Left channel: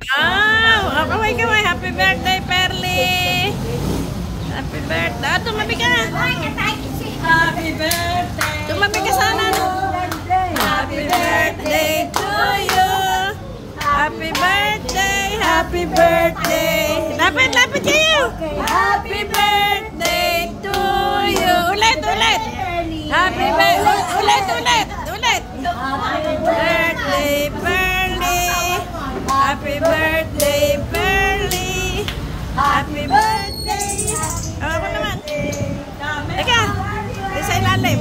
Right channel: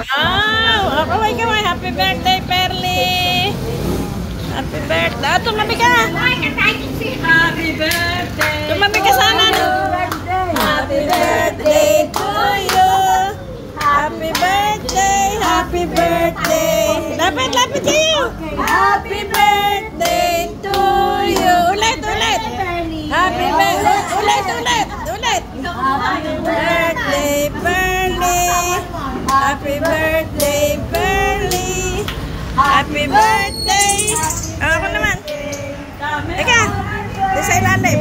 Oh, kamay. Happy birthday, Perly. Happy birthday. Tumabi ka. Happy birthday. Tumabi ka sana. Happy birthday to you. Happy birthday. Happy birthday. Lapit kayo. Happy birthday to you. Ulit. Happy birthday. Ulit. Happy birthday, Perly. Happy birthday, Perly. Happy birthday. Ako naman. Teka. Di sa ilalim.